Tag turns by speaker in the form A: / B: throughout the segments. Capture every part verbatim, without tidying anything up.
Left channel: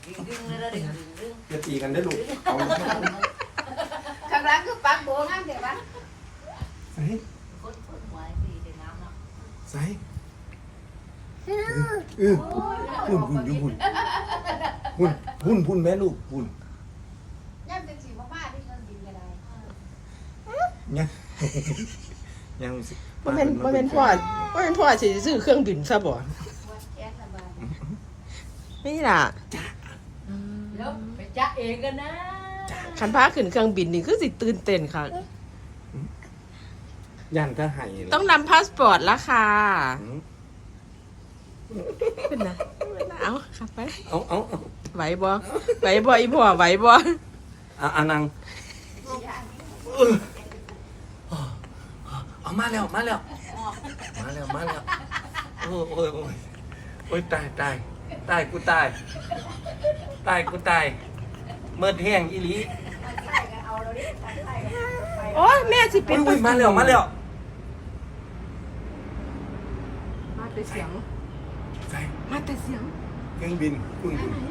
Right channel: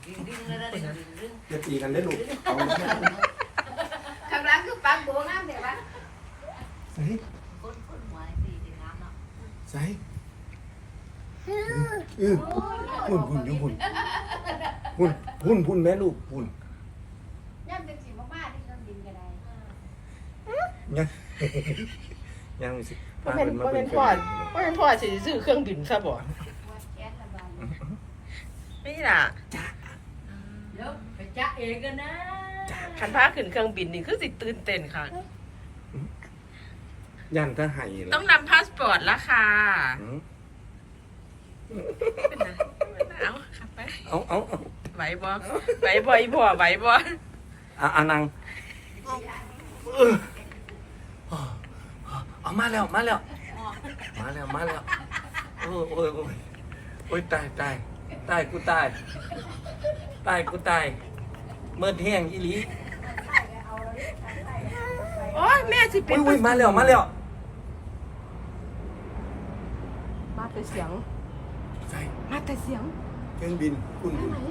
A: จะตีกันได้ลูกเอา
B: ข้างหลังคือปักโบน้ำเดี๋ยววะ
A: ใส่ใส่เออหุ่นหุ่นอยู่หุ่นหุ่นหุ่นหุ่นแม่ลูกหุ่น
B: ย่ำจะจีบมากๆที่ต้นดินก็ได้
A: ยังยังมีสิพาเป็นมาเป็น
C: พ่อก็เป็นพ่อสิซื้อเครื่องบินซะบ่
B: แก๊สระบาย
C: นี่ล่ะ
B: เดี๋ยวไปจ้าเองกันนะ
C: คันพาขึ้นเครื่องบินนี่คือสิตื่นเต้นค่ะ
A: ยันถ้าให้
C: ต้องนำพาสปอร์ตแล้วค่ะเป็นไงเอาขับไป
A: เอาเอาเอา
C: ไหวบ่ไหวบ่อีพ่อไหวบ่
A: อ่ะอานังเอามาแล้วมาแล้วมาแล้วมาแล้วโอ้ยโอ้ยโอ้ยโอ้ยตายตายตายกูตายตายกูตายเมื่อแห้งอีหลี
C: โอ้ยแม่สิเป็
A: อุ้
C: น
A: ยอุ้ยมาแล้วมาแล้ว
C: มาแต่เสียง
A: ใส่
C: มาแต่เสียง
A: เครื่องบินคุณ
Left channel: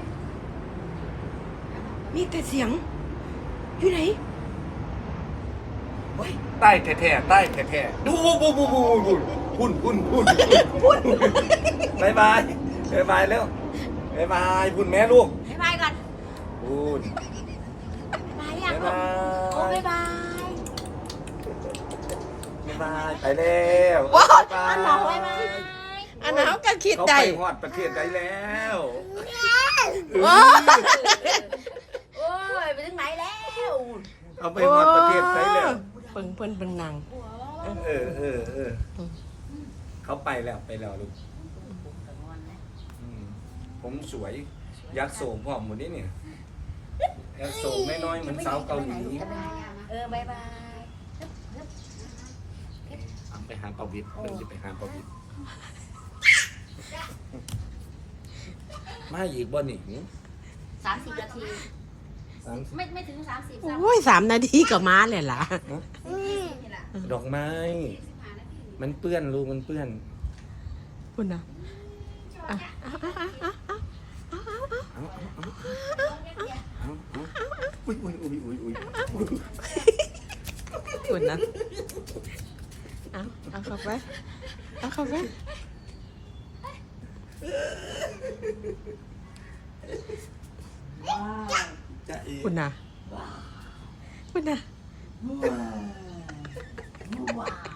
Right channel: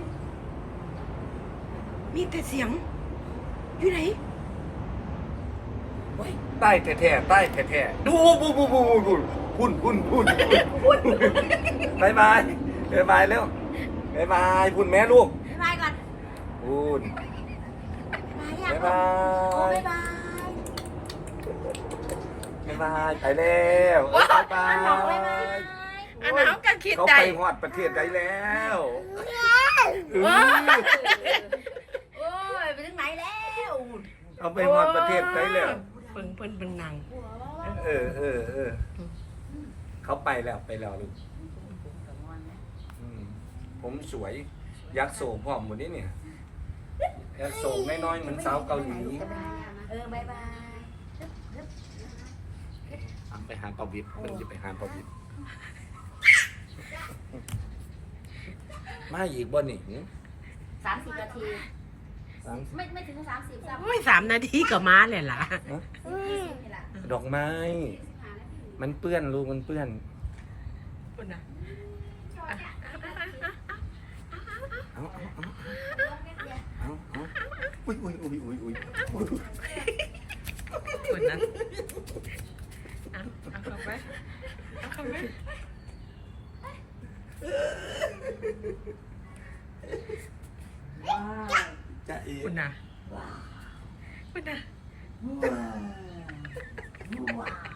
C: มีแต่เสียงอยู่ไหน
A: ใต้แท้ๆใต้แท้ๆดูบูบูบูบูพุ่นพุ่นพุ่นพุ่นบายบายบายบายแล้วบายบายพุ่นแม่ลูก
B: บ๊ายบายก่อน
A: พุ่น
B: บ๊าย
A: บาย
B: บาย
A: บาย
B: โอ้บ๊ายบาย
A: บายบายไปแล้วบายบาย
C: อันนั้นเขาก็คิด
A: เขา
C: ได้
A: ไปฮอดประเทศใดแล้วเออ
B: โอ้ยไปถึงไหนแล้ว
A: เขาไปฮอดประเทศใดแล้ว
C: เพิ่งเพิ่นเพิ่งนาง
A: เออเออเออเขาไปแล้วไปแล้วลูกอืมผมสวยยักษ์โสมพร้อมหมดนี่เนี่ยยักษ์โสมน้อยๆเหมือนสาวเกาหลี
B: เออบ๊ายบาย
A: อ่ะไปหาปาวิทย์เพิ่งจะไปหาปาวิทย์มาอีกบ่นี่
B: สามสิบนาที
A: สาม
B: ไม่ไม่ถึงสามสิบสาม
C: โอ้ยสามนาทีก็มาเลยล่ะ
B: นี่แหละ
A: ดอกไม้ มันเปื้อนลูกมันเปื้อน
C: คุณนะ
A: เอาเอาเอาเอาเอาเอาอุ้ยอุ้ยอุ้ยอุ้ยอุ้ย
C: คุณนะเอาเอาเข้าไปเอาเข้าไป
A: จะเอ๋
C: คุณนะคุณนะ
B: ว้าว